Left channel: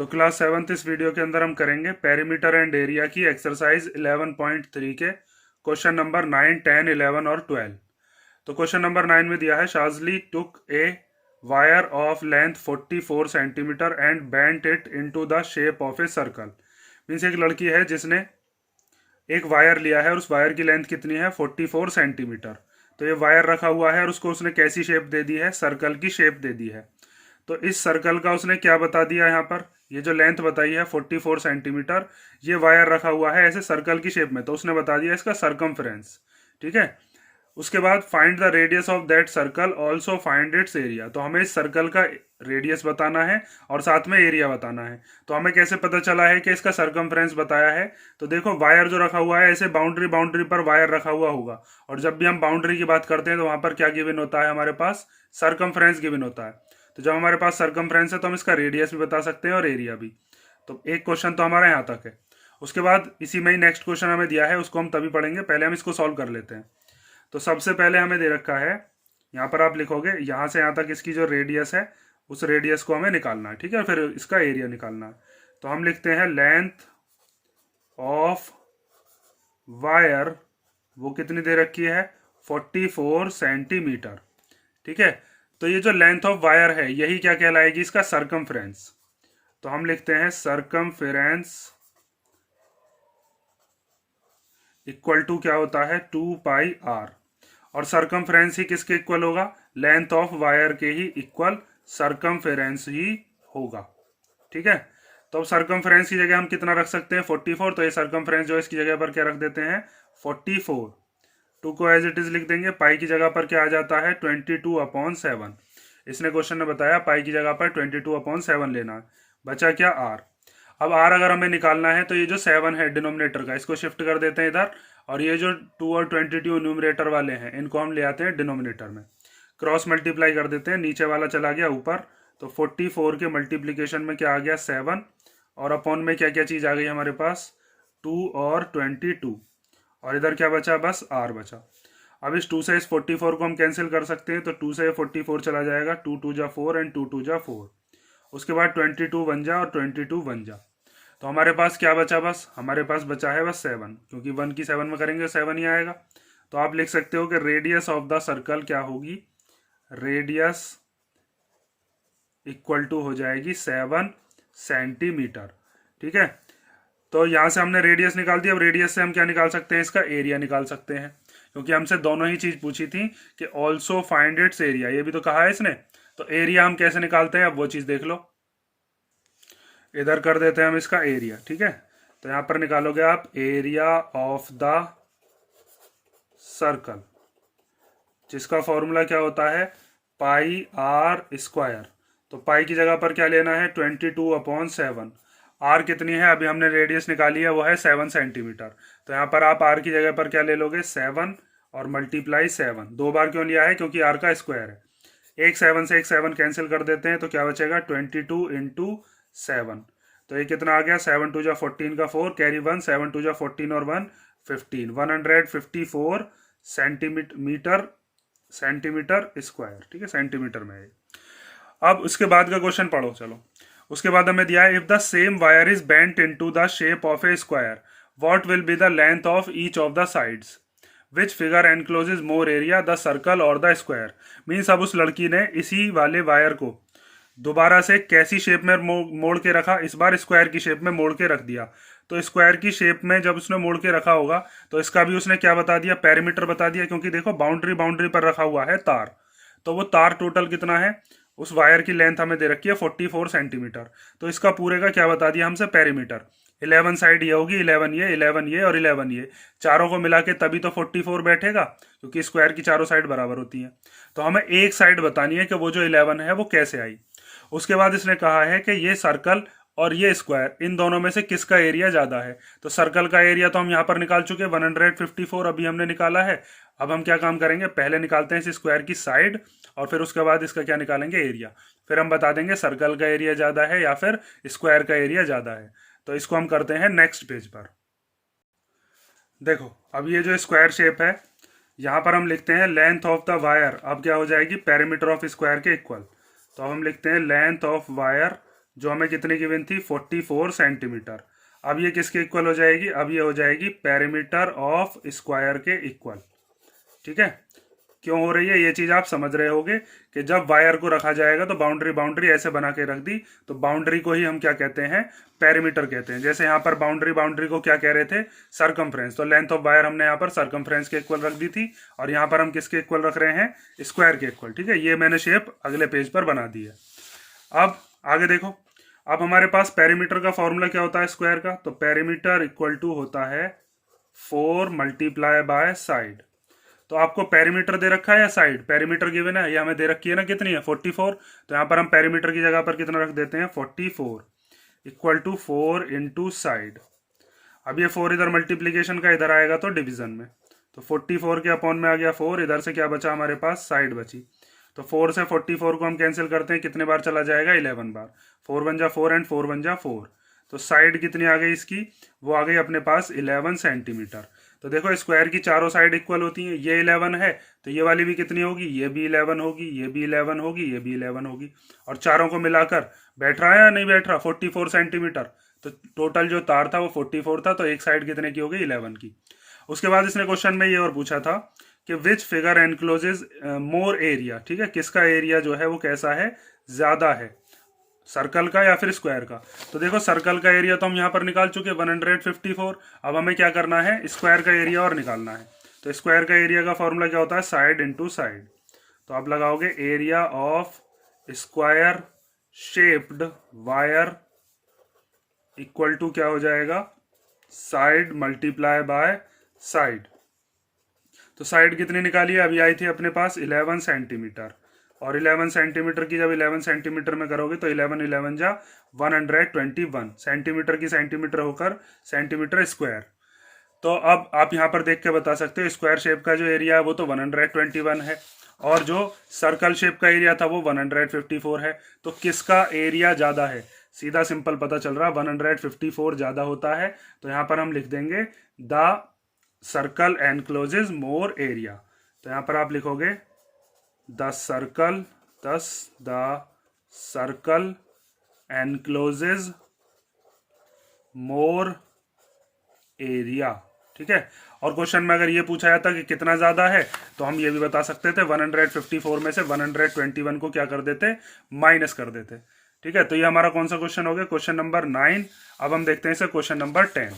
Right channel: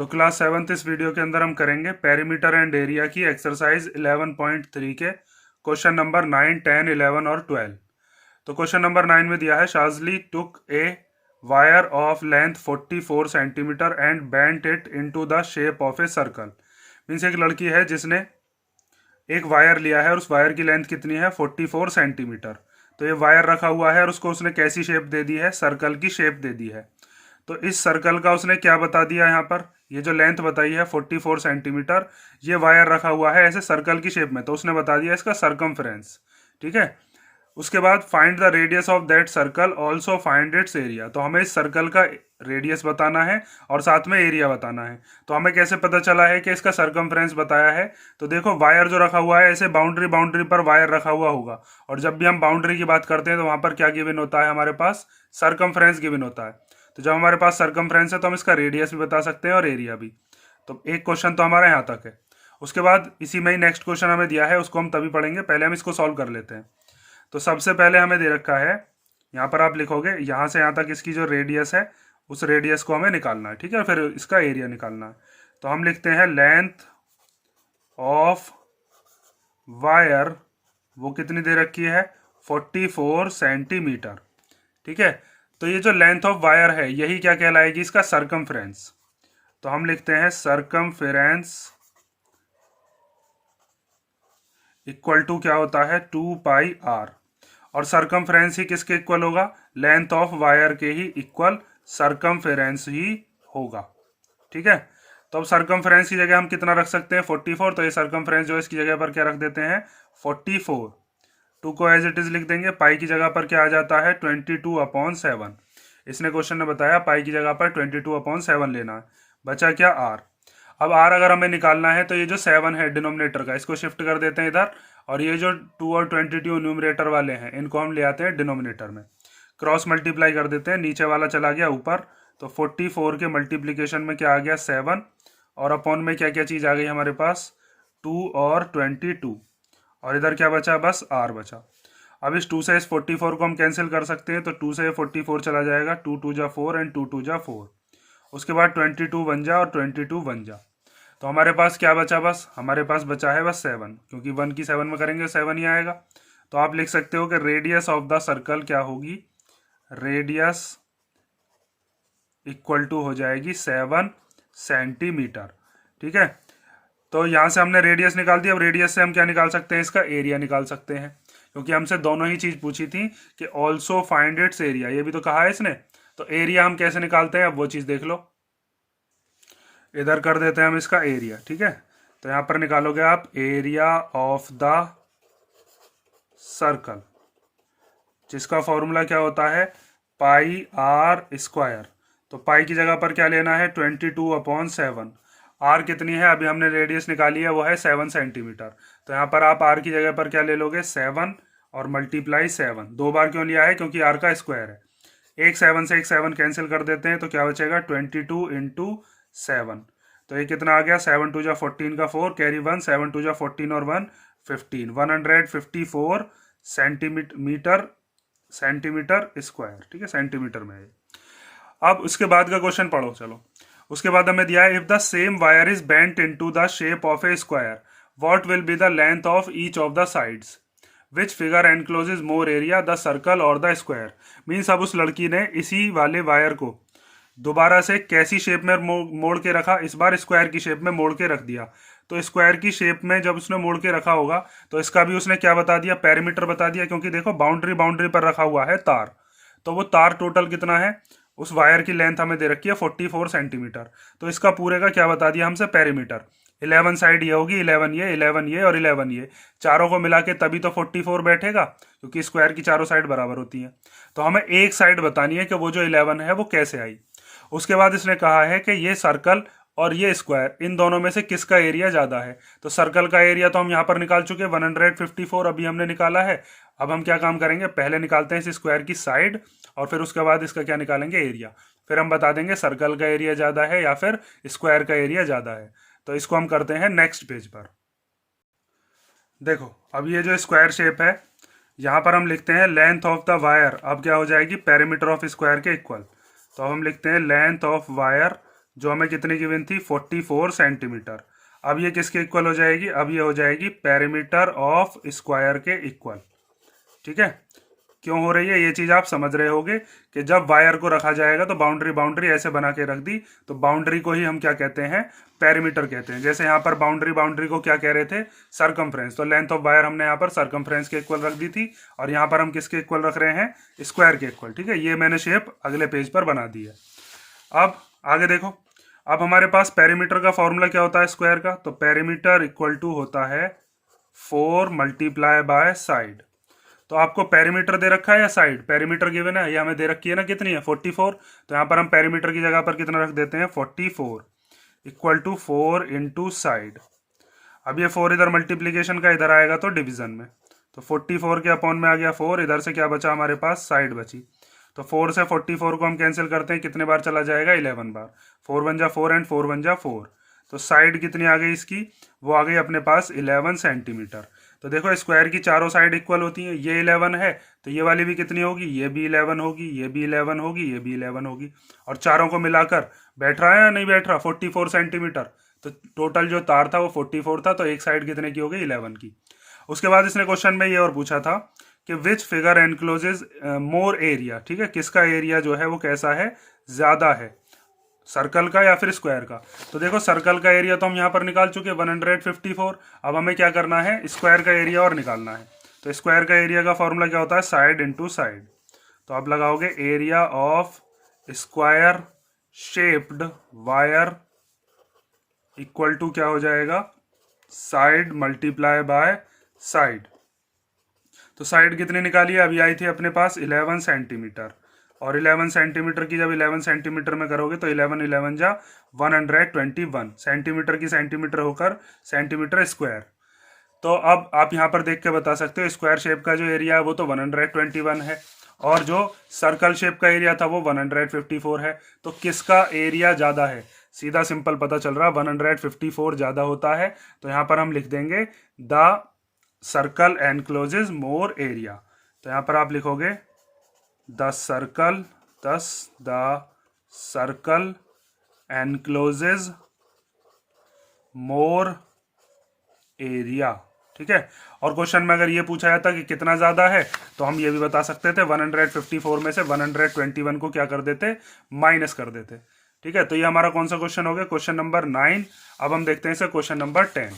तो class 7th इस video के अंदर हम करेंगे पेरीमीटर एंड एरिया की एक्सरसाइज 11.3 के क्वेश्चन नंबर 9, 10, 11 और 12। तो क्वेश्चन नंबर 9 में दिया है शाजली took a wire of length 44 centimetre and bent it into the shape of a circle. Means एक लड़की है जिसने एक वायर लिया है और उस वायर की लेंथ कितनी है 44 सेंटीमीटर। तो ये वायर रखा हुआ है और उसको उसने कैसी शेप दे दी है, सर्कल की शेप दे दी है। तो इस सर्कल का उसने क्या बता दिया यहाँ पर, ये जो लेंथ बताई है 44 सेंटीमीटर, ये वायर रखा हुआ है ऐसे सर्कल की शेप में, तो उसने बता दिया इसका सरकमफ्रेंस। ठीक है। उसके बाद find the radius of that circle, also find its area. तो हमें इस सर्कल का रेडियस बताना है और साथ में एरिया बताना है। तो हमें कैसे पता चला है कि इसका सरकमफ्रेंस बताया है, तो देखो वायर जो रखा हुआ है ऐसे बाउंड्री बाउंड्री पर वायर रखा हुआ होगा, और जब भी हम बाउंड्री की बात करते हैं तो वहां पर क्या गिवन होता है, हमारे पास सरकमफ्रेंस गिवन होता है। तो जब हमारे पास सरकमफ्रेंस है तो हम इसका रेडियस भी बता सकते हैं और एरिया भी। तो एक क्वेश्चन तो हमारा यहाँ तक है। उसके बाद इसी में ही नेक्स्ट क्वेश्चन हमें दिया है, उसको हम तभी पढ़ेंगे, पहले हम इसको सॉल्व कर लेते हैं। तो सबसे पहले हमें दे रखा है, यहाँ पर आप लिखोगे यहाँ से यहाँ तक इसकी जो रेडियस है उस रेडियस को हमें निकालना है। ठीक है, फिर इसका एरिया निकालना है। तो हम लिखते हैं लेंथ ऑफ वायर, वो कितनी दे रखी है 44 सेंटीमीटर। ठीक है। तो ये जो लेंथ ऑफ वायर है यही क्या कहलाएगी, इसका सरकमफ्रेंस। तो हम लिखते हैं सरकमफ्रेंस इक्वल टू क्या होता है 2 पाई आर। और सरकमफ्रेंस ही किसके इक्वल होगा, लेंथ ऑफ वायर के ही इक्वल सरकमफ्रेंस ही होगा। ठीक है। तो अब सरकमफ्रेंस की जगह हम कितना रख सकते हैं 44, तो ये सरकमफ्रेंस जो है इसकी जगह पर क्या रख देते हैं 44। 2 को एज इट इज लिख देंगे। पाई की जगह पर क्या आ जाता है 22/7। इसने क्वेश्चन ने बताया पाई की जगह पर 22/7 लेना है। बचा क्या आर। अब आर अगर हमें निकालना है तो ये जो 7 है डिनोमिनेटर का, इसको शिफ्ट कर देते हैं इधर, और ये जो 2 और 22 न्यूमरेटर वाले हैं इनको हम ले आते हैं डिनोमिनेटर में, क्रॉस मल्टीप्लाई कर देते हैं, नीचे वाला चला गया ऊपर। तो 44 के मल्टीप्लीकेशन में क्या आ गया 7, और अपॉन में क्या क्या चीज आ गई हमारे पास 2 और 22, और इधर क्या बचा बस आर बचा। अब इस 2 से इस 44 को हम कैंसिल कर सकते हैं, तो 2 से 44 चला जाएगा, 2 2 जा 4 एंड 2 2 जा 4। उसके बाद 22 बन जा और 22 बन जा। तो हमारे पास क्या बचा, बस हमारे पास बचा है बस 7, क्योंकि 1 की 7 में करेंगे 7 ही आएगा। तो आप लिख सकते हो कि रेडियस ऑफ द सर्कल क्या होगी, रेडियस इक्वल टू हो जाएगी 7 सेंटीमीटर। ठीक है। तो यहां से हमने रेडियस निकाल दी। अब रेडियस से हम क्या निकाल सकते हैं, इसका एरिया निकाल सकते हैं, क्योंकि हमसे दोनों ही चीज पूछी थी कि ऑल्सो फाइंड इट्स एरिया, ये भी तो कहा है इसने। तो एरिया हम कैसे निकालते हैं, अब वो चीज देख लो। इधर कर देते हैं हम इसका एरिया। ठीक है। तो यहां पर निकालोगे आप एरिया ऑफ द सर्कल, जिसका फॉर्मूला क्या होता है पाई आर स्क्वायर। तो पाई की जगह पर क्या लेना है 22/7। आर कितनी है, अभी हमने रेडियस निकाली है, वो है 7 सेंटीमीटर। तो यहाँ पर आप आर की जगह पर क्या ले लोगे 7 और मल्टीप्लाई 7। 2 बार क्यों लिया है, क्योंकि आर का स्क्वायर है। एक 7 से एक 7 कैंसिल कर देते हैं, तो क्या बचेगा 22 इंटू 7। तो ये कितना आ गया 7 2 जा 14 का 4 कैरी 1, 7 2 जा 14 और 1 15, 154 सेंटीमीटर स्क्वायर। ठीक है, सेंटीमीटर में है। अब उसके बाद का क्वेश्चन पढ़ो चलो। उसके बाद हमें दिया है if the same wire is bent into the shape of A square what will be the length of each of the sides, which figure encloses more area the circle और द स्क्वायर। मीन्स अब उस लड़की ने इसी वाले wire को दोबारा से कैसी शेप में मोड़ के रखा, इस बार स्क्वायर की शेप में मोड़ के रख दिया। तो स्क्वायर की शेप में जब उसने मोड़ के रखा होगा तो इसका भी उसने क्या बता दिया, पेरीमीटर बता दिया, क्योंकि देखो बाउंड्री बाउंड्री पर रखा हुआ है तार। तो वो तार टोटल कितना है, उस वायर की लेंथ हमें दे रखी है 44 सेंटीमीटर। तो इसका पूरे का क्या बता दिया हमसे पेरीमीटर। 11 साइड ये होगी, 11 ये 11 ये और 11 ये, चारों को मिला के तभी तो 44 बैठेगा, क्योंकि स्क्वायर की चारों साइड बराबर होती हैं। तो हमें एक साइड बतानी है कि वो जो 11 है वो कैसे आई। उसके बाद इसने कहा है कि ये सर्कल और ये स्क्वायर, इन दोनों में से किसका एरिया ज्यादा है। तो सर्कल का एरिया तो हम यहाँ पर निकाल चुके हैं 154 अभी हमने निकाला है। अब हम क्या काम करेंगे, पहले निकालते हैं इस स्क्वायर की साइड और फिर उसके बाद इसका क्या निकालेंगे एरिया। फिर हम बता देंगे सर्कल का एरिया ज्यादा है या फिर स्क्वायर का एरिया ज्यादा है। तो इसको हम करते हैं नेक्स्ट पेज पर। देखो अब ये जो स्क्वायर शेप है यहाँ पर हम लिखते हैं लेंथ ऑफ द वायर, अब क्या हो जाएगी पेरीमीटर ऑफ स्क्वायर के इक्वल। तो हम लिखते हैं लेंथ ऑफ वायर जो हमें कितनी गिवन थी 44 सेंटीमीटर। अब ये किसके इक्वल हो जाएगी, अब ये हो जाएगी पेरीमीटर ऑफ स्क्वायर के इक्वल। ठीक है, क्यों हो रही है ये चीज आप समझ रहे होगे कि जब वायर को रखा जाएगा तो बाउंड्री ऐसे बना के रख दी, तो बाउंड्री को ही हम क्या कहते हैं, पेरीमीटर कहते हैं। जैसे यहाँ पर बाउंड्री को क्या कह रहे थे, सरकमफ्रेंस, तो लेंथ ऑफ वायर हमने यहाँ पर सरकमफ्रेंस के इक्वल रख दी थी, और यहाँ पर हम किसके इक्वल रख रहे हैं, स्क्वायर के इक्वल। ठीक है, ये मैंने शेप अगले पेज पर बना दी है। अब आगे देखो, अब हमारे पास पेरीमीटर का फॉर्मूला क्या होता है स्क्वायर का, तो पेरीमीटर इक्वल टू होता है 4 मल्टीप्लाई बाय साइड। तो आपको पेरीमीटर दे रखा है या साइड, पेरीमीटर गिवन है, ये हमें दे रखी है ना, कितनी है 44, तो यहाँ पर हम पेरीमीटर की जगह पर कितना रख देते हैं 44 इक्वल टू 4 इंटू साइड। अब ये 4 इधर मल्टीप्लीकेशन का इधर आएगा तो डिवीजन में, तो 44 के अपॉन में आ गया 4, इधर से क्या बचा हमारे पास, साइड बची। तो 4 से 44 को हम कैंसिल करते हैं, कितने बार चला जाएगा, 11 बार। 4 1 जा 4 एंड 4 1 जा 4, तो साइड कितनी आ गई इसकी, वो आ गई अपने पास 11 सेंटीमीटर। तो देखो स्क्वायर की चारों साइड इक्वल होती हैं, ये 11 है तो ये वाली भी कितनी होगी, ये भी 11 होगी, ये भी 11 होगी, ये भी 11 होगी, और चारों को मिलाकर बैठ रहा है या नहीं बैठ रहा 44 सेंटीमीटर। तो टोटल जो तार था वो 44 था, तो एक साइड कितने की हो गई, 11 की। उसके बाद इसने क्वेश्चन में ये और पूछा था कि which figure encloses more area. ठीक है, किसका एरिया जो है वो कैसा है, ज्यादा है, सर्कल का या फिर स्क्वायर का। तो देखो सर्कल का एरिया तो हम यहाँ पर निकाल चुके 154। अब हमें क्या करना है, स्क्वायर का एरिया और निकालना है। तो स्क्वायर का एरिया का फॉर्मूला क्या होता है, साइड इंटू साइड। तो आप लगाओगे area of square shaped wire equal to क्या हो जाएगा, साइड मल्टीप्लाई बाय साइड। तो साइड कितनी निकाली है, अभी आई थी अपने पास 11 सेंटीमीटर, और 11 सेंटीमीटर की जब 11 सेंटीमीटर में करोगे तो 11 11 जा 121 सेंटीमीटर की सेंटीमीटर होकर सेंटीमीटर स्क्वायर। तो अब आप यहाँ पर देख के बता सकते हो स्क्वायर शेप का जो एरिया है वो तो 121 है, और जो सर्कल शेप का एरिया था वो 154 है। तो किसका एरिया ज़्यादा है, सीधा सिंपल पता चल रहा, 154 ज़्यादा होता है। तो यहाँ पर हम लिख देंगे the circle encloses more area. तो यहाँ पर आप लिखोगे the circle encloses more area. ठीक है, और क्वेश्चन में अगर ये पूछा जाता कि कितना ज्यादा है तो हम ये भी बता सकते थे 154 में से 121 को क्या कर देते, माइनस कर देते। ठीक है, तो ये हमारा कौन सा क्वेश्चन हो गया, क्वेश्चन नंबर 9। अब हम देखते हैं इसे क्वेश्चन नंबर 10।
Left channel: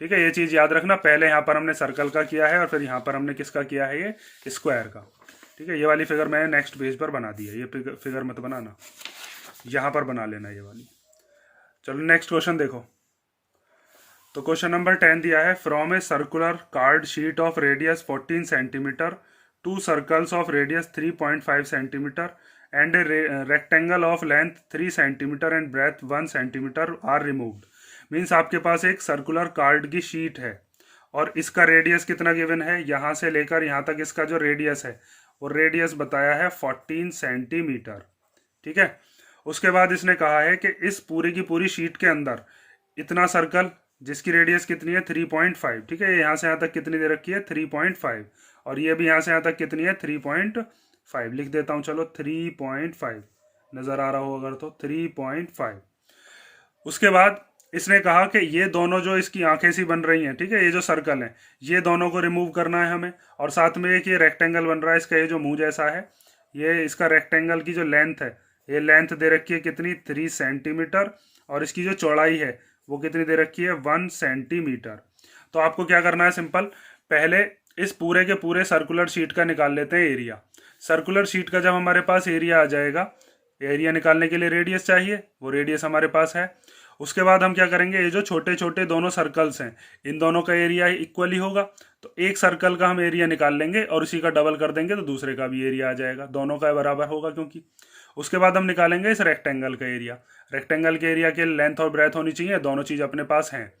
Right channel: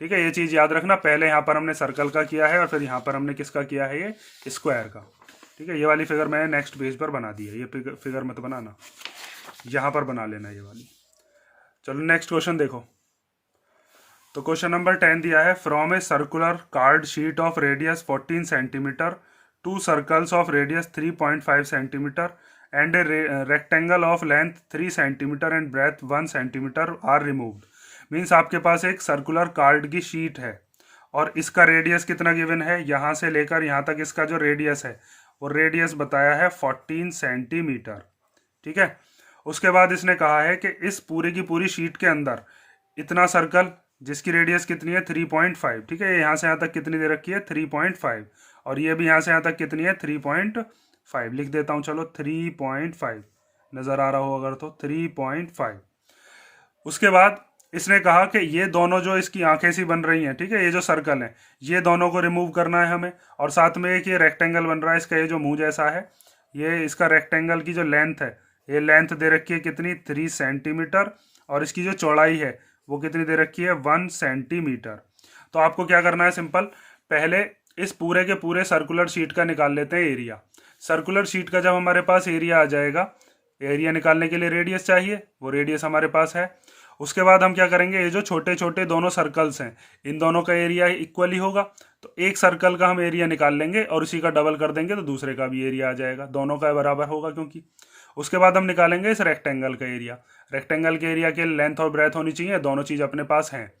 ठीक है, ये चीज याद रखना, पहले यहाँ पर हमने सर्कल का किया है और फिर यहाँ पर हमने किसका किया है, ये स्क्वायर का। ठीक है, ये वाली फिगर मैंने नेक्स्ट पेज पर बना दी है, ये फिगर मत बनाना, यहाँ पर बना लेना ये वाली। चलो नेक्स्ट क्वेश्चन देखो। तो क्वेश्चन नंबर 10 दिया है, from a circular card sheet of radius 14 centimetre, two circles of radius 3.5 centimetre and a rectangle of length 3 centimetre and breadth 1 centimetre are removed. Means आपके पास एक सर्कुलर कार्ड की sheet है और इसका रेडियस कितना गिवन है, यहाँ से लेकर यहाँ तक इसका जो रेडियस है वो रेडियस बताया है 14 सेंटीमीटर। ठीक है, उसके बाद इसने कहा है कि इस पूरी की पूरी शीट के अंदर इतना सर्कल जिसकी रेडियस कितनी है 3.5। ठीक है, यहाँ से यहाँ तक कितनी दे रखी है 3.5, और ये भी यहाँ से यहाँ तक कितनी है 3.5। लिख देता हूँ चलो 3.5, नजर आ रहा हो अगर तो 3.5। उसके बाद इसने कहा कि ये दोनों जो इसकी आंखें सी बन रही हैं, ठीक है, ये जो सर्कल है ये दोनों को रिमूव करना है हमें, और साथ में एक ये रेक्टेंगल बन रहा है, इसका ये जो मुंह जैसा है, ये इसका रेक्टेंगल की जो लेंथ है, ये लेंथ दे रखी है कितनी 3 सेंटीमीटर, और इसकी जो चौड़ाई है वो कितनी दे रखी है 1 सेंटीमीटर। तो आपको क्या करना है, सिंपल, पहले इस पूरे के पूरे सर्कुलर शीट का निकाल लेते हैं एरिया। सर्कुलर शीट का जब हमारे पास एरिया आ जाएगा, एरिया निकालने के लिए रेडियस चाहिए, वो रेडियस हमारे पास है। उसके बाद हम क्या करेंगे, ये जो छोटे छोटे दोनों सर्कल्स हैं इन दोनों का एरिया इक्वल ही होगा, तो एक सर्कल का हम एरिया निकाल लेंगे और उसी का डबल कर देंगे तो दूसरे का भी एरिया आ जाएगा, दोनों का बराबर होगा क्योंकि। उसके बाद हम निकालेंगे इस रेक्टेंगल का एरिया। रेक्टेंगल के एरिया के लेंथ और ब्रेथ होनी चाहिए, दोनों चीज अपने पास हैं।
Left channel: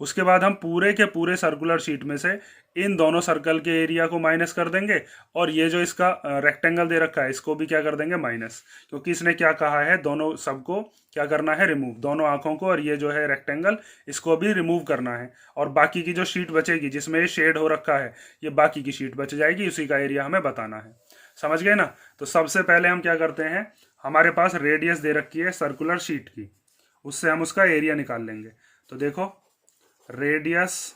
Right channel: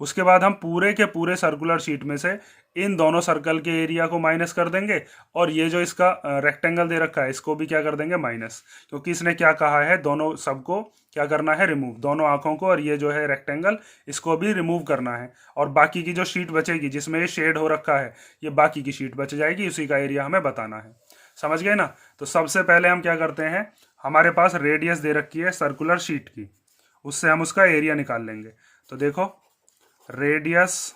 उसके बाद हम पूरे के पूरे सर्कुलर शीट में से इन दोनों सर्कल के एरिया को माइनस कर देंगे, और ये जो इसका रेक्टेंगल दे रखा है इसको भी क्या कर देंगे माइनस, क्योंकि इसने क्या कहा है दोनों सबको क्या करना है रिमूव, दोनों आंखों को और ये जो है रेक्टेंगल इसको भी रिमूव करना है, और बाकी की जो शीट बचेगी जिसमें ये शेड हो रखा है ये बाकी की शीट बच जाएगी, उसी का एरिया हमें बताना है। समझ गए ना। तो सबसे पहले हम क्या करते हैं, हमारे पास रेडियस दे रखी है सर्कुलर शीट की, उससे हम उसका एरिया निकाल लेंगे। तो देखो radius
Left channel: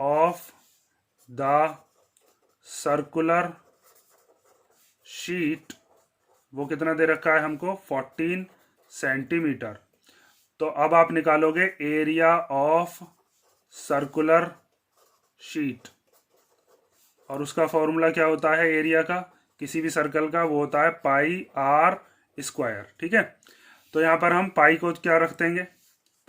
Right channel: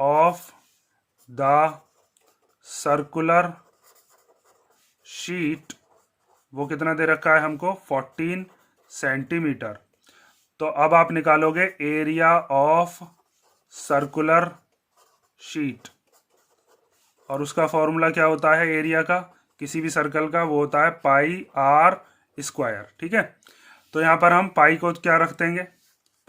of the circular sheet वो कितना दे रखा है हमको 14 सेंटीमीटर। तो अब आप निकालोगे एरिया ऑफ सर्कुलर शीट, और उसका फॉर्मूला क्या होता है एरिया का किसी भी सर्कल का, वो होता है पाई आर स्क्वायर। ठीक है, तो यहाँ पर हम पाई को क्या रख देंगे,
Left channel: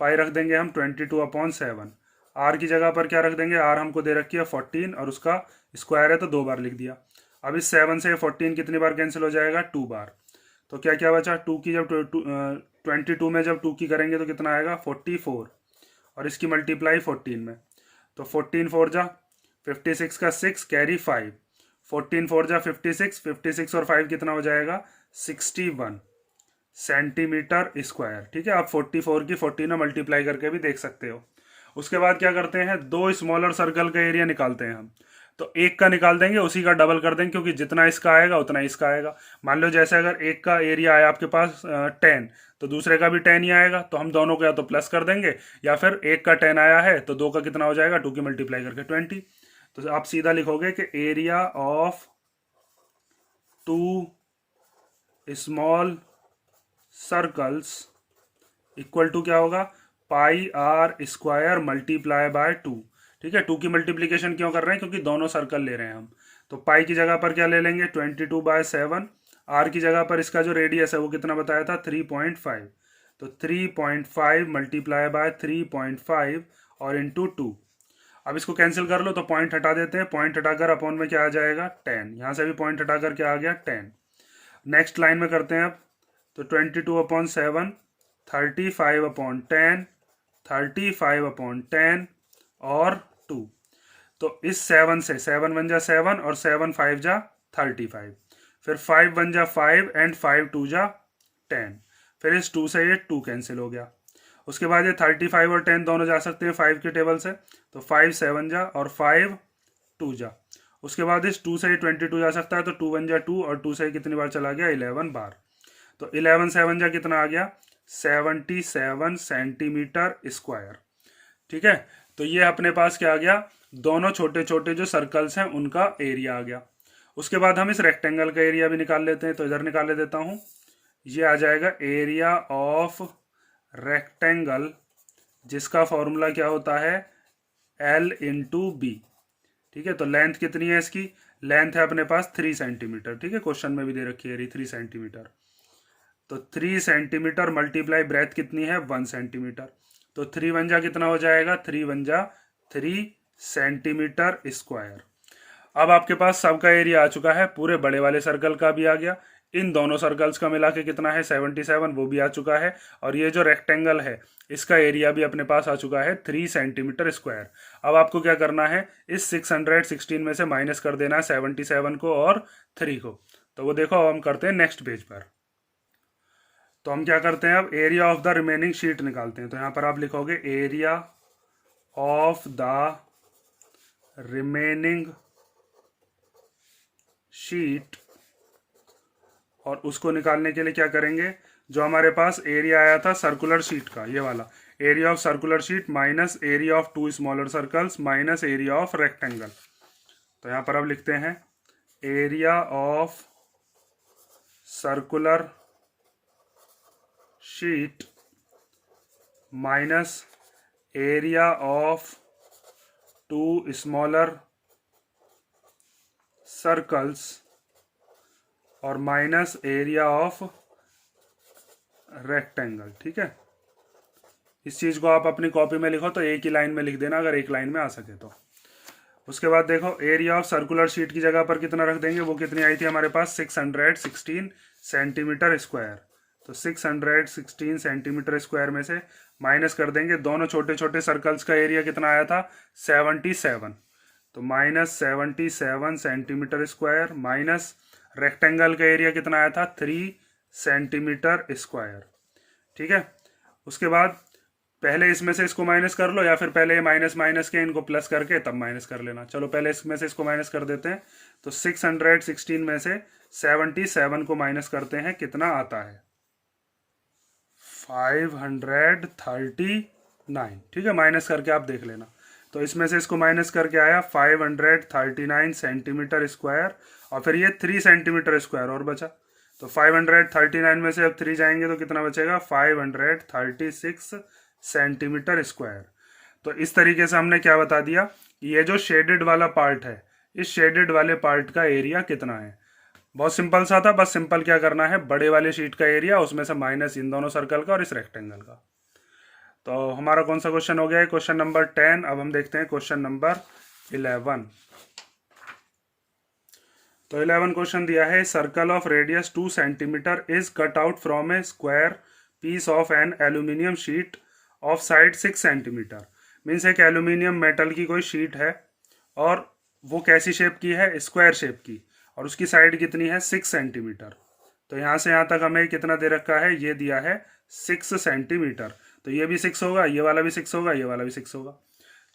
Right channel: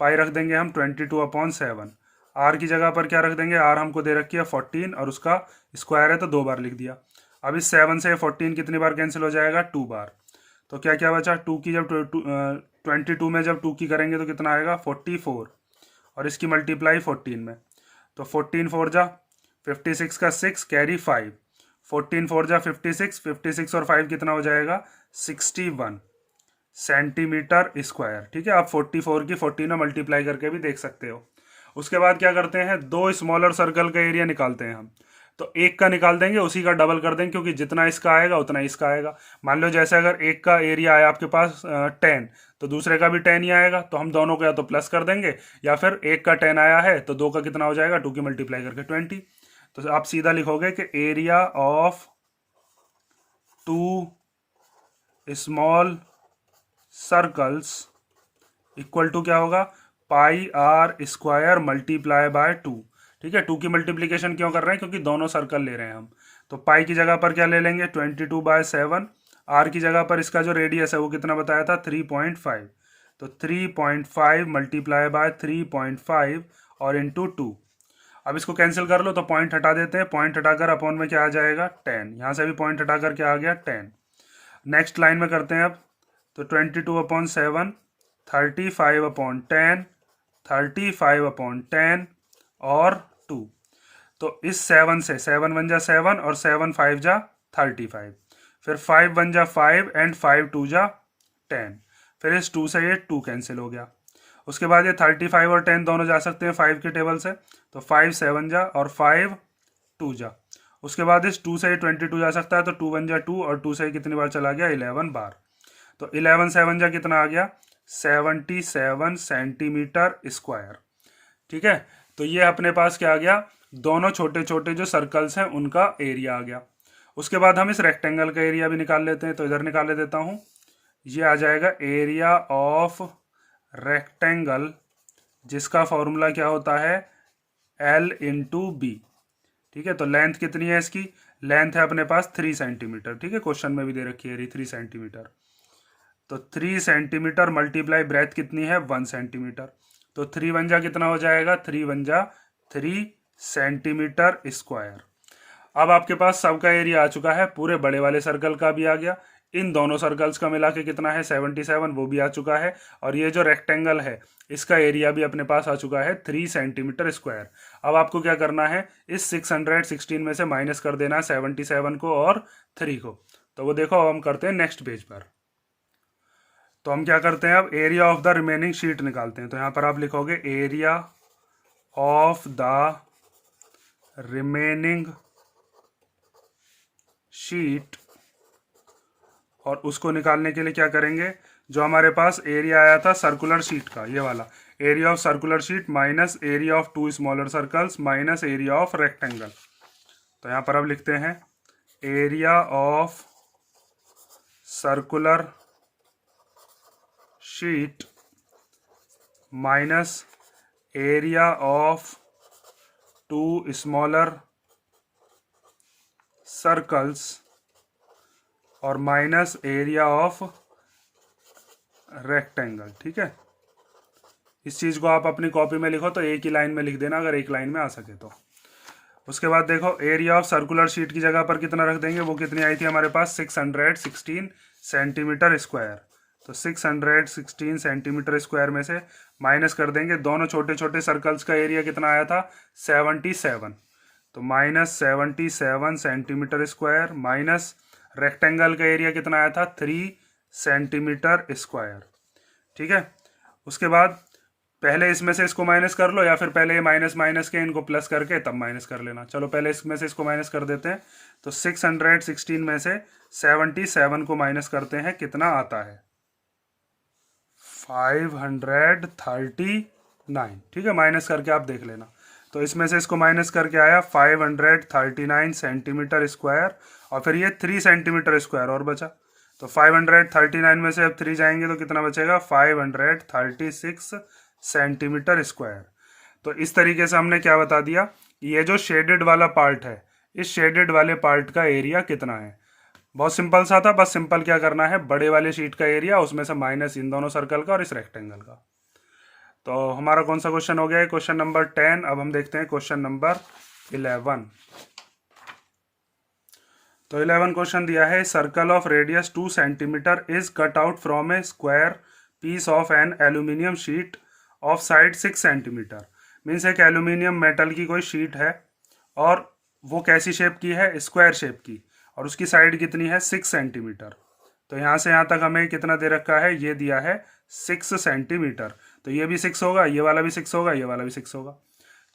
पाई रख देंगे हम 22/7। आर की जगह पर क्या रख देंगे, आर हमको दे रखी है 14 और उसका स्क्वायर है तो 2 बार लिख दिया। अब इस 7 से 14 कितनी बार कैंसिल हो जाएगा, 2 बार। तो क्या क्या बचा, 2 की जब 22 में जब 2 की करेंगे तो कितना आएगा 44, और इसकी मल्टीप्लाई 14 में। तो 14 4 जा 56 का 6 कैरी 5, 14 4 जा 56, 56 और 5 कितना हो जाएगा 61 सेंटीमीटर स्क्वायर। ठीक है, आप 44 की 14 में मल्टीप्लाई करके भी देख सकते हो। उसके बाद क्या करते हैं, दो स्मॉलर सर्कल का एरिया निकालते हैं हम। तो एक का निकाल देंगे, उसी का डबल कर देंगे, क्योंकि जितना इसका आएगा उतना इसका आएगा। मान लो जैसे अगर एक का एरिया आया आपके पास 10, तो दूसरे का भी 10 ही आएगा, तो हम दोनों को या तो प्लस कर देंगे, या फिर एक का 10 आया है तो दो का कितना हो जाएगा 2 की मल्टीप्लाई करके 20। तो आप सीधा लिखोगे कि area of 2 small circles equal to क्या होगा, pi R square multiply by 2। ठीक है, 2 की मल्टीप्लीकेशन क्यों कर रहे हैं, क्योंकि दोनों सर्कल ले रहे हैं हम। तो पाई की जगह पर क्या ले लेंगे 22/7, आर की जगह पर इसका जो रेडियस है वो कितना बताया था 3.5, तो 3.5 मल्टीप्लाई बाय 3.5 और इंटू 2। अब इसको कैंसिल कर लो तो पॉइंट हटा देते हैं, पॉइंट हटाकर अपॉन में क्या आ जाएगा 10, यहाँ से भी पॉइंट हटाकर क्या आ गया 10। नेक्स्ट लाइन में करते हैं अब, तो 22/7 35/10 35/10 और 2। तो इस 7 से 7 1 जा 7 और 7 5 जा 35, फिर 5 1 जा 5 एंड 5 2 जा 10, फिर इस 2 से ये 2 कैंसिल हो गया। उसके बाद ये 35 और 10 दोनों जा सकते हैं 5 के टेबल से, तो 5 7 जा और 5 2 जा। उसके बाद इस 2 से ये 22 जा सकता है, तो 2 1 जा 2 और 2 से कितनी बार चला गया 11 बार। तो 11 7 जा कितना आ गया 77 सेंटीमीटर स्क्वायर। ठीक है, तो ये अपने पास क्या आ गया, दोनों छोटे छोटे जो सर्कल्स हैं उनका एरिया आ गया। उसके बाद हम इस रेक्टेंगल का एरिया भी निकाल लेते हैं, तो इधर निकाल देता हूं, ये आ जाएगा एरिया ऑफ रेक्टेंगल, जिसका फॉर्मूला क्या होता है L इंटू बी। ठीक है, तो लेंथ कितनी है इसकी, लेंथ है अपने पास 3 सेंटीमीटर। ठीक है, क्वेश्चन में भी दे रखी है 3 सेंटीमीटर। तो 3 सेंटीमीटर मल्टीप्लाई ब्रेथ कितनी है 1 सेंटीमीटर। तो 3 1 जा कितना हो जाएगा 3 1 जा 3 सेंटीमीटर स्क्वायर। अब आपके पास सबका एरिया आ चुका है, पूरे बड़े वाले सर्कल का भी आ गया, इन दोनों सर्कल्स का मिला के कितना है 77, वो भी आ चुका है, और ये जो रेक्टेंगल है इसका एरिया भी अपने पास आ चुका है 3 सेंटीमीटर स्क्वायर। अब आपको क्या करना है, इस 616 में से माइनस कर देना है 77 को और 3 को। तो वो देखो अब हम करते हैं नेक्स्ट पेज पर। तो हम क्या करते हैं, अब area of the remaining sheet निकालते हैं। तो यहां पर आप लिखोगे area of the remaining sheet, और उसको निकालने के लिए क्या करेंगे, जो हमारे पास एरिया आया था सर्कुलर शीट का, ये वाला area of circular sheet minus area of 2 smaller circles minus area of rectangle. तो यहां पर अब लिखते हैं area of circular sheet minus area of 2 smaller circles और माइनस एरिया ऑफ रेक्टेंगल। ठीक है, इस चीज को आप अपनी कॉपी में लिखो, तो एक ही लाइन में लिख देना अगर एक लाइन में आ सके तो। उसके बाद देखो एरिया ऑफ सर्कुलर शीट की जगह पर कितना रख देंगे, वो कितनी आई थी हमारे पास 616 सेंटीमीटर स्क्वायर। तो 616 सेंटीमीटर स्क्वायर में से माइनस कर देंगे, दोनों छोटे छोटे सर्कल्स का एरिया कितना आया था 77, तो minus 77 centimetre square minus rectangle का एरिया कितना आया था 3 सेंटीमीटर स्क्वायर। ठीक है, उसके बाद पहले इसमें से इसको माइनस कर लो, या फिर पहले माइनस माइनस के इनको प्लस करके तब माइनस कर लेना। चलो पहले इसमें से इसको माइनस कर देते हैं। तो 616 में से 77 को माइनस करते हैं, कितना आता है 539, ठीक है, माइनस करके आप देख लेना। तो इसमें से इसको माइनस करके आया 539 सेंटीमीटर स्क्वायर, और फिर ये 3 सेंटीमीटर स्क्वायर और बचा। तो 539 में से अब 3 जाएंगे तो कितना बचेगा, 536 सेंटीमीटर स्क्वायर। तो इस तरीके से हमने क्या बता दिया, ये जो शेडेड वाला पार्ट है, इस शेडेड वाले पार्ट का एरिया कितना है। बहुत सिंपल सा था, बस सिंपल क्या करना है, बड़े वाले शीट का एरिया, उसमें से माइनस इन दोनों सर्कल का और इस रेक्टेंगल का। तो हमारा कौन सा क्वेश्चन हो गया है, क्वेश्चन नंबर 10। अब हम देखते हैं क्वेश्चन नंबर 11। तो 11 क्वेश्चन दिया है, circle of radius 2 centimetre is cut out from a square piece of an aluminium sheet of side 6 centimetre. Means एक एल्यूमिनियम मेटल की कोई शीट है और वो कैसी शेप की है, स्क्वायर शेप की, और उसकी साइड कितनी है, 6 सेंटीमीटर। तो यहाँ से यहाँ तक हमें कितना दे रखा है, ये दिया है 6 सेंटीमीटर। तो ये भी 6 होगा, ये वाला भी 6 होगा, ये वाला भी 6 होगा।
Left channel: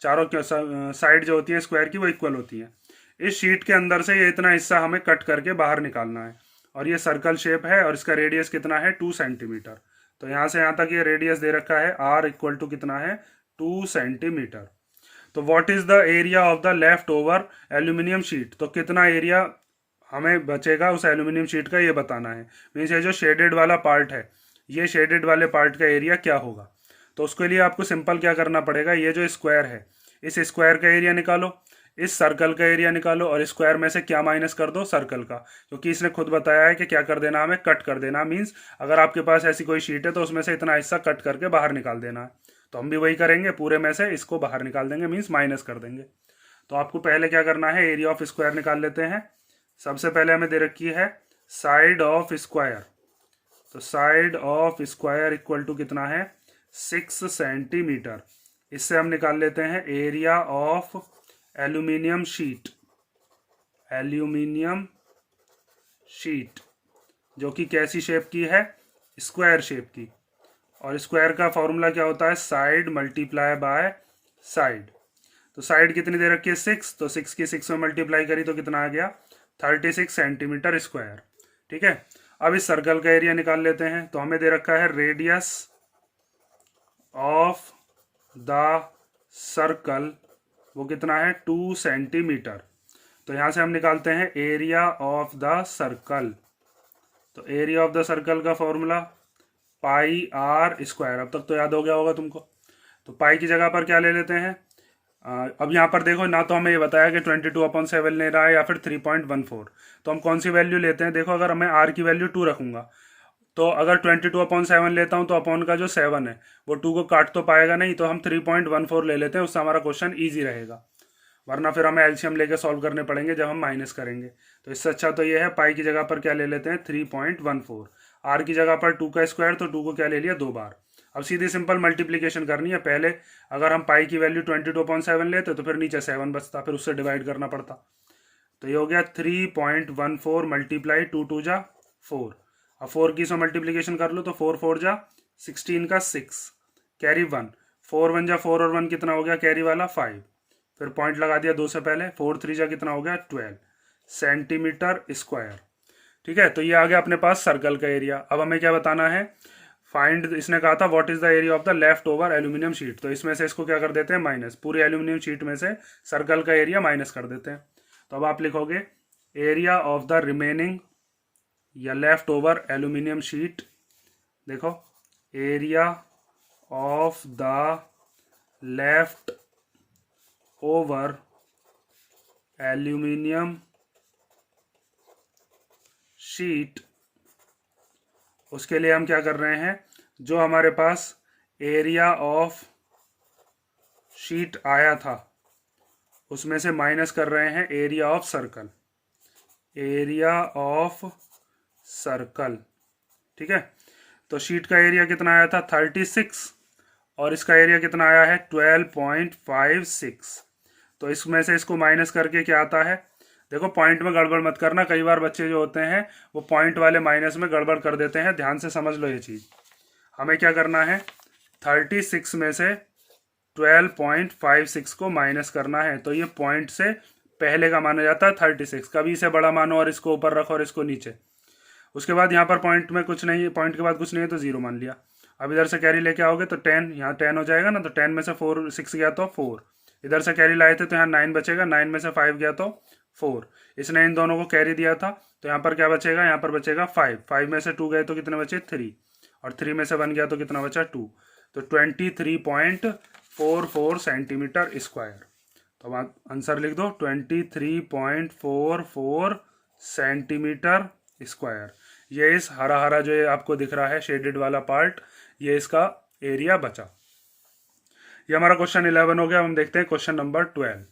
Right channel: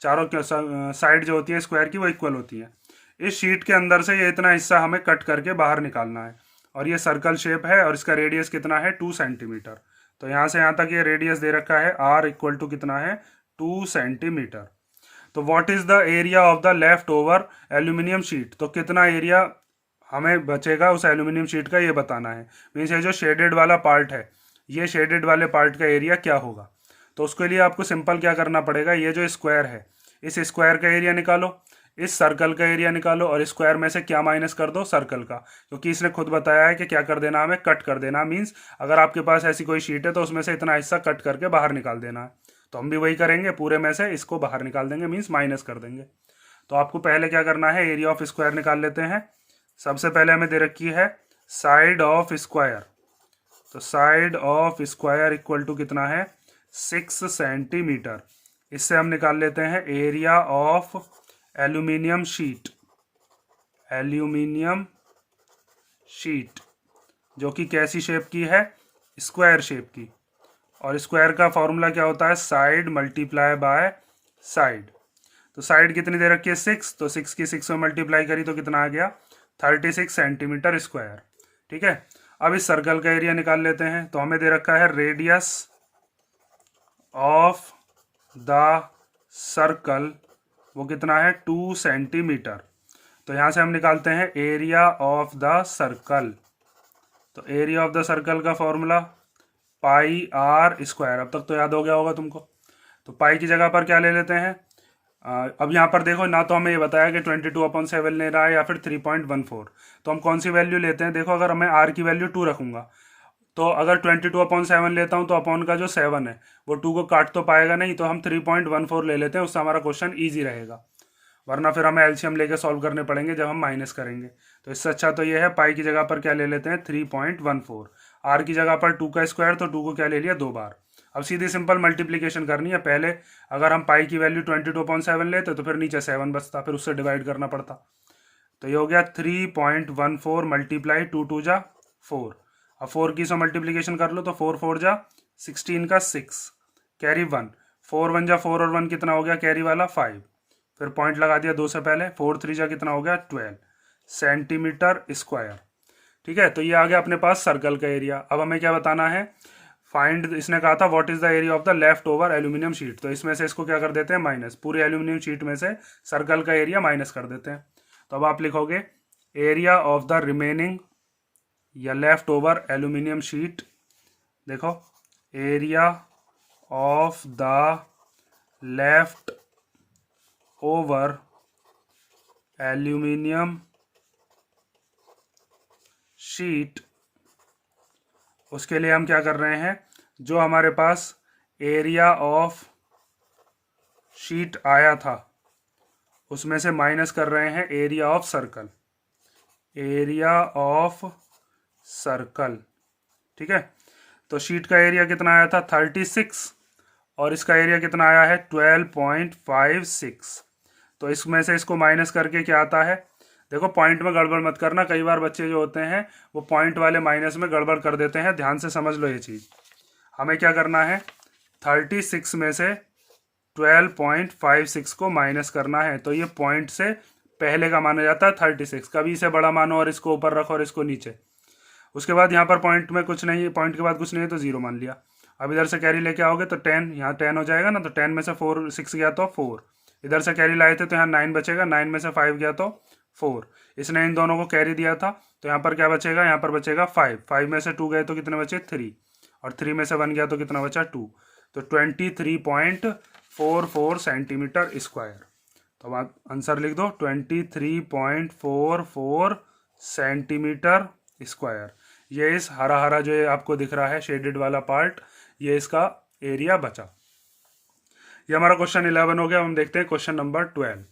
चारों साइड जो होती है स्क्वायर की वो इक्वल होती है। इस शीट के अंदर से ये इतना हिस्सा हमें कट करके बाहर निकालना है, और ये सर्कल शेप है और इसका रेडियस कितना है, 2 सेंटीमीटर। तो यहाँ से यहाँ तक ये रेडियस दे रखा है, r इक्वल टू कितना है, 2 सेंटीमीटर। तो what is the area of the left over aluminium sheet, तो कितना एरिया हमें बचेगा उस एल्यूमिनियम शीट का, ये बताना है। मीन्स ये जो शेडेड वाला पार्ट है, ये शेडेड वाले पार्ट का एरिया क्या होगा। तो उसके लिए आपको सिंपल क्या करना पड़ेगा, ये जो स्क्वायर है, इस स्क्वायर का एरिया निकालो, इस सर्कल का एरिया निकालो, और स्क्वायर में से क्या माइनस कर दो, सर्कल का, क्योंकि इसने खुद बताया है कि क्या कर देना, हमें कट कर देना। मीन्स अगर आपके पास ऐसी कोई शीट है तो उसमें से इतना हिस्सा कट करके बाहर निकाल देना है। तो हम भी वही करेंगे, पूरे में से इसको बाहर निकाल देंगे, मीन्स माइनस कर देंगे। तो आपको पहले क्या करना है, एरिया ऑफ स्क्वायर निकाल लेते हैं। सबसे पहले हमें दे रखी है साइड ऑफ स्क्वायर। तो side of square equal to कितना है, 6 सेंटीमीटर। इससे हम निकाल लेते हैं area of aluminium sheet, aluminium sheet जो कि कैसी शेप की है, स्क्वायर शेप की। और स्क्वायर का फॉर्मूला क्या होता है, साइड मल्टीप्लाई बाय साइड। तो साइड कितनी दे रखी है, 6, तो 6 की 6 में मल्टीप्लाई करी तो कितना आ गया, 36 सेंटीमीटर स्क्वायर। ठीक है, अब इस सर्कल का एरिया निकाल लेते हैं। तो हमें दे रखा है रेडियस ऑफ द सर्कल, वो कितना है, 2 सेंटीमीटर। तो यहां से हम निकालते हैं एरिया ऑफ द सर्कल। तो एरिया ऑफ द सर्कल का फॉर्मूला पाई आर स्क्वायर। अब तक तो याद हो गया होगा तुमको। तो पाई की जगह पर क्या ले लेते हैं, अब यहाँ पर देखो, ना तो हमें ये बताया कि 22/7 ले रहा है या फिर 3.14। तो हम कौन सी वैल्यू लेते हैं, देखो अगर मैं आर की वैल्यू 2 रखूंगा, तो अगर 22/7 लेता हूँ तो अपॉन का जो 7 है वो 2 को काट तो पाएगा नहीं, तो हम 3.14 ले लेते हैं, उससे हमारा क्वेश्चन ईजी रहेगा। वरना फिर हमें एलसीएम लेके सॉल्व करने पड़ेंगे जब हम माइनस करेंगे। तो इससे अच्छा तो ये है, पाई की जगह पर क्या ले लेते हैं, 3.14। आर की जगह पर 2 का स्क्वायर, तो 2 को क्या ले लिया, 2 बार। अब सीधी सिंपल मल्टीप्लीकेशन करनी है। पहले अगर हम पाई की वैल्यू 22/7 लेते तो फिर नीचे 7 बचता, फिर उससे डिवाइड करना पड़ता। तो ये हो गया 3.14 मल्टीप्लाई 2 2 जा 4। अब 4 की 100 मल्टीप्लीकेशन कर लो तो 4 4 जा 16 का 6, कैरी 1, 4 1 जा 4 और 1 कितना हो गया, कैरी वाला 5। फिर पॉइंट लगा दिया 2 से पहले, 4 3 जा कितना हो गया, 12 सेंटीमीटर स्क्वायर। ठीक है, तो ये आ गया अपने पास सर्कल का एरिया। अब हमें क्या बताना है, फाइंड, इसने कहा था what is the area of the left over aluminium sheet. तो इसमें से इसको क्या कर देते हैं, माइनस, पूरी एल्यूमिनियम शीट में से सर्कल का एरिया माइनस कर देते हैं। तो अब आप लिखोगे एरिया ऑफ द रिमेनिंग या लेफ्ट ओवर एल्यूमिनियम शीट। देखो, area of the left over aluminium sheet, उसके लिए हम क्या कर रहे हैं, जो हमारे पास एरिया ऑफ शीट आया था उसमें से माइनस कर रहे हैं area of circle, area of circle. ठीक है, तो शीट का एरिया कितना आया था, 36, और इसका एरिया कितना आया है, 12.56। तो इसमें से इसको माइनस करके क्या आता है, देखो पॉइंट में गड़बड़ मत करना, कई बार बच्चे जो होते हैं वो पॉइंट वाले माइनस में गड़बड़ कर देते हैं। ध्यान से समझ लो ये चीज़। हमें क्या करना है, 36 में से 12.56 को माइनस करना है। तो ये पॉइंट से पहले का माना जाता है 36। कभी इसे बड़ा मानो और इसको ऊपर रखो और इसको नीचे। उसके बाद यहाँ पर पॉइंट में कुछ नहीं है, पॉइंट के बाद कुछ नहीं है तो 0 मान लिया। अब इधर से कैरी लेके आओगे तो 10, यहाँ 10 हो जाएगा ना, तो 10 में से 4 6 गया तो 4, इधर से कैरी लाए थे तो यहाँ 9 बचेगा, 9 में से 5 गया तो 4, इसने इन दोनों को कैरी दिया था तो यहाँ पर क्या बचेगा, यहाँ पर बचेगा 5, 5 में से 2 गए तो कितने बचे 3, और 3 में से 1 गया तो कितना बचा 2, तो 23.44 सेंटीमीटर स्क्वायर। तो अब आंसर लिख दो 23.44 सेंटीमीटर स्क्वायर। ये इस हरा हरा जो ये आपको दिख रहा है शेडेड वाला पार्ट, ये इसका एरिया बचा। ये हमारा क्वेश्चन 11 हो गया। हम देखते हैं क्वेश्चन नंबर 12।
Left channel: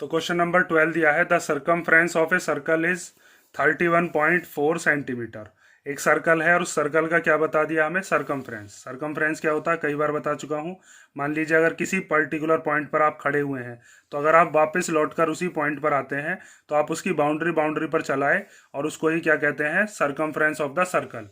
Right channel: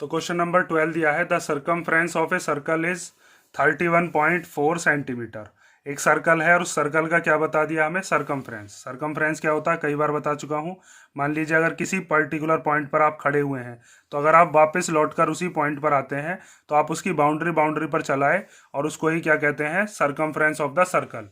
तो क्वेश्चन नंबर 12 दिया है the circumference of a circle is 31.4 centimetre. एक सर्कल है और उस सर्कल का क्या बता दिया हमें, सर्कमफ्रेंस। सर्कमफ्रेंस क्या होता है कई बार बता चुका हूँ। मान लीजिए अगर किसी पर्टिकुलर पॉइंट पर आप खड़े हुए हैं, तो अगर आप वापस लौटकर उसी पॉइंट पर आते हैं तो आप उसकी बाउंड्री पर चलाए और उसको ही क्या कहते हैं, सर्कमफ्रेंस ऑफ द सर्कल।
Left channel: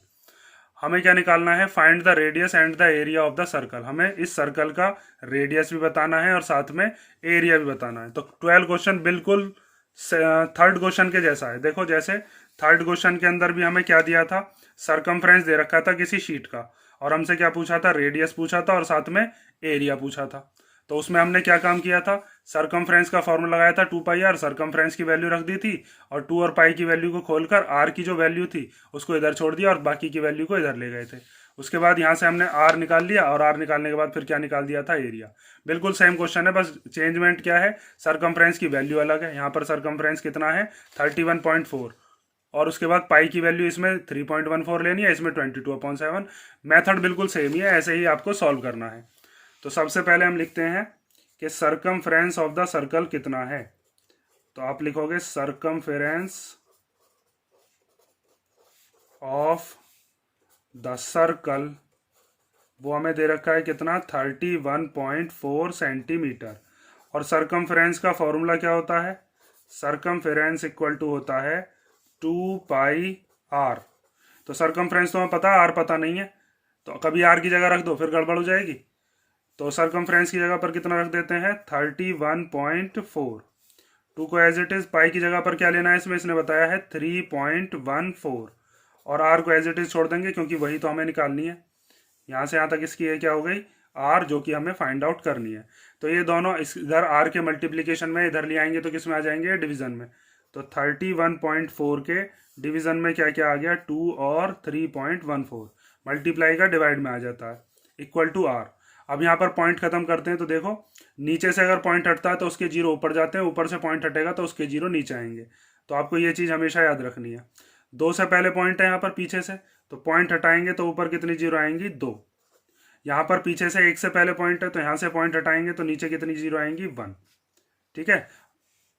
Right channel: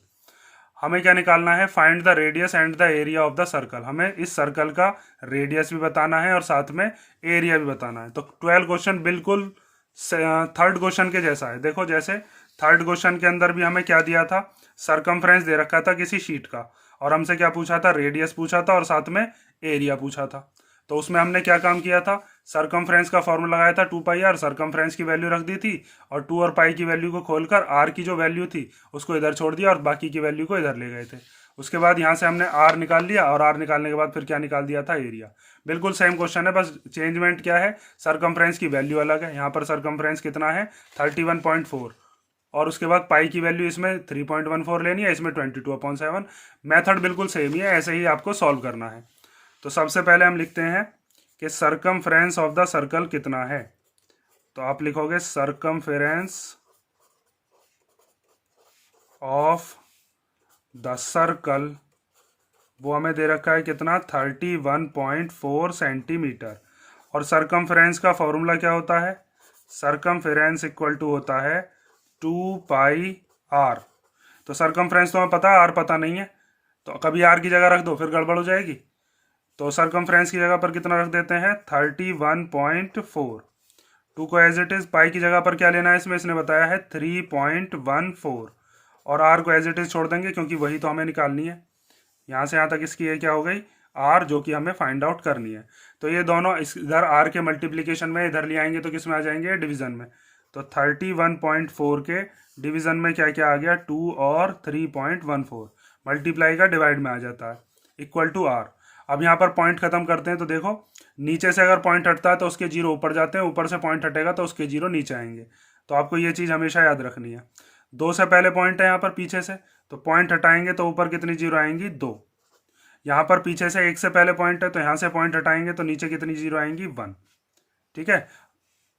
हमें क्या निकालना है, find the radius and the area of the circle. हमें इस सर्कल का रेडियस भी बताना है और साथ में एरिया भी बताना है। तो 12 क्वेश्चन बिल्कुल थर्ड क्वेश्चन के जैसा है। देखो जैसे थर्ड क्वेश्चन के अंदर भी हमें क्या दिया था, सर्कमफ्रेंस दे रखा था किसी शीट का, और हमसे क्या पूछा था, रेडियस पूछा था और साथ में एरिया पूछा था। तो उसमें हमने क्या काम किया था, सर्कमफ्रेंस का फॉर्मूला लगाया था 2πr, सर्कमफ्रेंस की वैल्यू रख दी थी और 2 और पाई की वैल्यू को खोलकर r की जो वैल्यू थी उसको इधर छोड़ दिया और बाकी की वैल्यू को इधर ले गए थे। उसके बाद यहाँ से हमने r निकाल लिया और r निकालने के बाद फिर क्या निकाल दिया था, एरिया। बिल्कुल सेम क्वेश्चन है, बस चेंजमेंट क्या है, सर्कमफ्रेंस की वैल्यू अलग है। यहाँ पर सर्कमफ्रेंस कितना है 31.4 और उसके बाद पाई की वैल्यू इसमें 3.14 लेनी है, इसमें 22/7। मेथड बिल्कुल सेम ही है, ऐसे ही आपको सॉल्व करना है। तो सबसे पहले हम लिखते हैं कि सर्कमफ्रेंस ऑफ द सर्कल कितना है। तो आप लिखोगे सर्कमफ्रेंस ऑफ द सर्कल, वो हमें दे रखा है कितना, 31.4 सेंटीमीटर। और सर्कमफ्रेंस का फॉर्मूला क्या होता है, सर्कमफ्रेंस इक्वल टू होता है 2πr। तो सर्कमफ्रेंस तो हमें पता है, आर पता नहीं है, तो कभी आर की जगह रख दो फिर गड़बड़ हो जाएगी। तो सर्कमफ्रेंस की जगह पर कितना रख देते हैं 31.4, 2 को एज इट इज, पाई की जगह पर क्या लेना है इसमें, इसने बताया है 3.14 और आर को एज इट इज छोड़ देंगे क्योंकि वही तो हमें निकालनी है। यहाँ से यहाँ तक इसकी क्या हो गई, आर, जो कि हमें फाइंड आउट करनी है। तो ये दोनों इधर आर के मल्टीप्लीकेशन में इधर ले आएंगे तो किस में आ जाएंगे, डिवीजन में। तो 31.4 के डिवीजन में क्या क्या आ गया, 2 और 3.14, मल्टीप्लाई का डिवाइड में आ जाता है, इक्वल टू आर। अब यहाँ पर पॉइंट खत्म करते हैं। तो देखो नीचे से अगर पॉइंट हटता है तो उसके जीरो ऊपर जाते हैं, ऊपर से पॉइंट हटेगा तो उसके जीरो नीचे आएंगे। तो आपको ये चीज़ हमेशा याद रखनी है। 2 से पहले पॉइंट है यहाँ पर पीछे से, तो पॉइंट हटाएंगे तो ऊपर कितनी जीरो आएंगी, 2। यहाँ पर पीछे से 1 से पहले पॉइंट है तो यहाँ से पॉइंट हटाएंगे तो नीचे कितनी जीरो आएंगी, 1। ठीक है।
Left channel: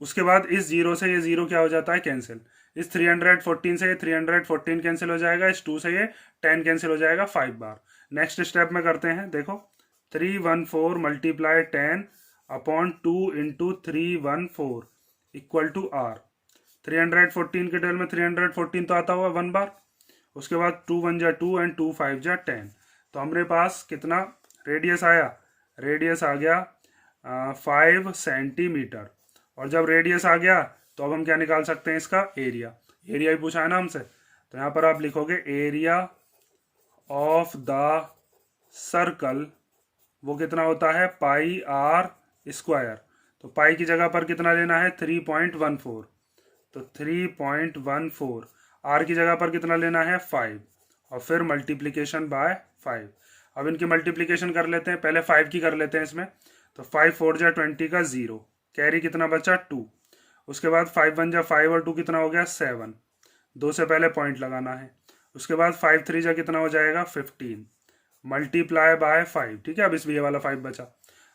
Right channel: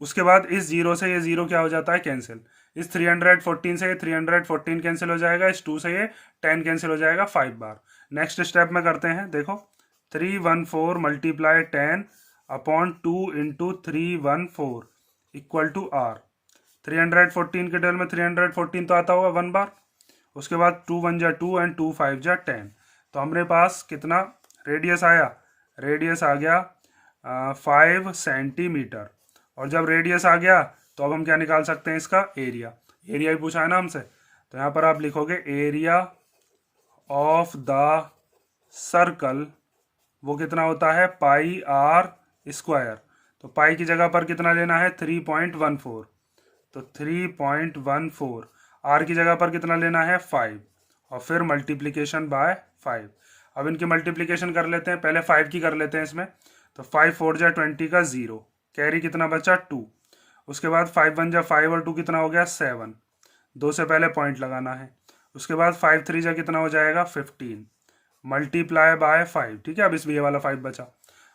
उसके बाद इस जीरो से ये जीरो क्या हो जाता है, कैंसिल। इस 314 से ये 314 कैंसिल हो जाएगा, इस 2 से ये 10 कैंसिल हो जाएगा 5 बार। नेक्स्ट स्टेप में करते हैं। देखो 314 multiply 10/2 into 314 equal to R. 314 के टेबल में 314 तो आता होगा 1 बार। उसके बाद 2 1 जा 2 एंड 2 5 जा 10। तो हमारे पास कितना रेडियस आया, रेडियस आ गया 5 सेंटीमीटर। और जब रेडियस आ गया तो अब हम क्या निकाल सकते हैं, इसका एरिया। एरिया ही पूछा है ना हमसे, तो यहाँ पर आप लिखोगे एरिया ऑफ द सर्कल, वो कितना होता है πr स्क्वायर। तो पाई की जगह पर कितना लेना है 3.14, तो 3.14। आर की जगह पर कितना लेना है 5 और फिर मल्टीप्लीकेशन बाय 5। अब इनकी मल्टीप्लीकेशन कर लेते हैं, पहले 5 की कर लेते हैं इसमें। तो 5 4 जा 20 का 0, कैरी कितना बचा 2। उसके बाद 5 1 जा 5 और 2 कितना हो गया 7, 2 से पहले पॉइंट लगाना है। उसके बाद 5 3 जा कितना हो जाएगा 15 मल्टीप्लाई बाय 5। ठीक है। अब इस ये वाला 5 बचा।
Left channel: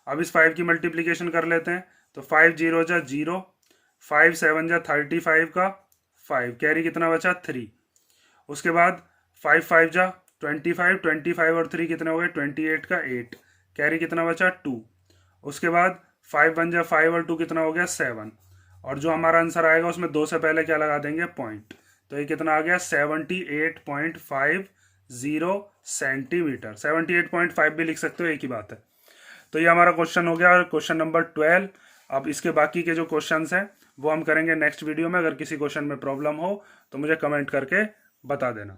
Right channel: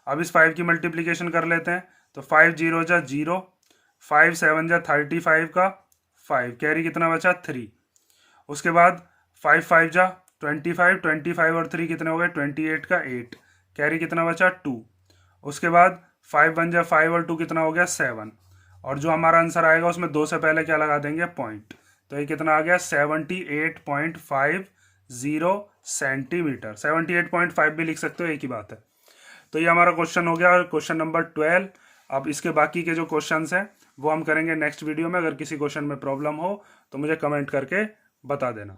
अब इस 5 की मल्टीप्लीकेशन कर लेते हैं। तो 5 0 जा 0, 5 7 जा 35 का 5, कैरी कितना बचा 3। उसके बाद 5 5 जा 25, 25 और 3 कितने हो गए 28 का 8, कैरी कितना बचा 2। उसके बाद 5 1 जा 5 और 2 कितना हो गया 7। और जो हमारा आंसर आएगा उसमें 2 से पहले क्या लगा देंगे, पॉइंट। तो ये कितना आ गया 78.50 सेंटीमीटर। 78.5 भी लिख सकते हो, एक ही बात है। तो ये हमारा क्वेश्चन हो गया, क्वेश्चन नंबर 12। अब इसके बाकी के जो क्वेश्चंस हैं वो हम करेंगे नेक्स्ट वीडियो में। अगर किसी क्वेश्चन में प्रॉब्लम हो तो मुझे कमेंट करके बता देना।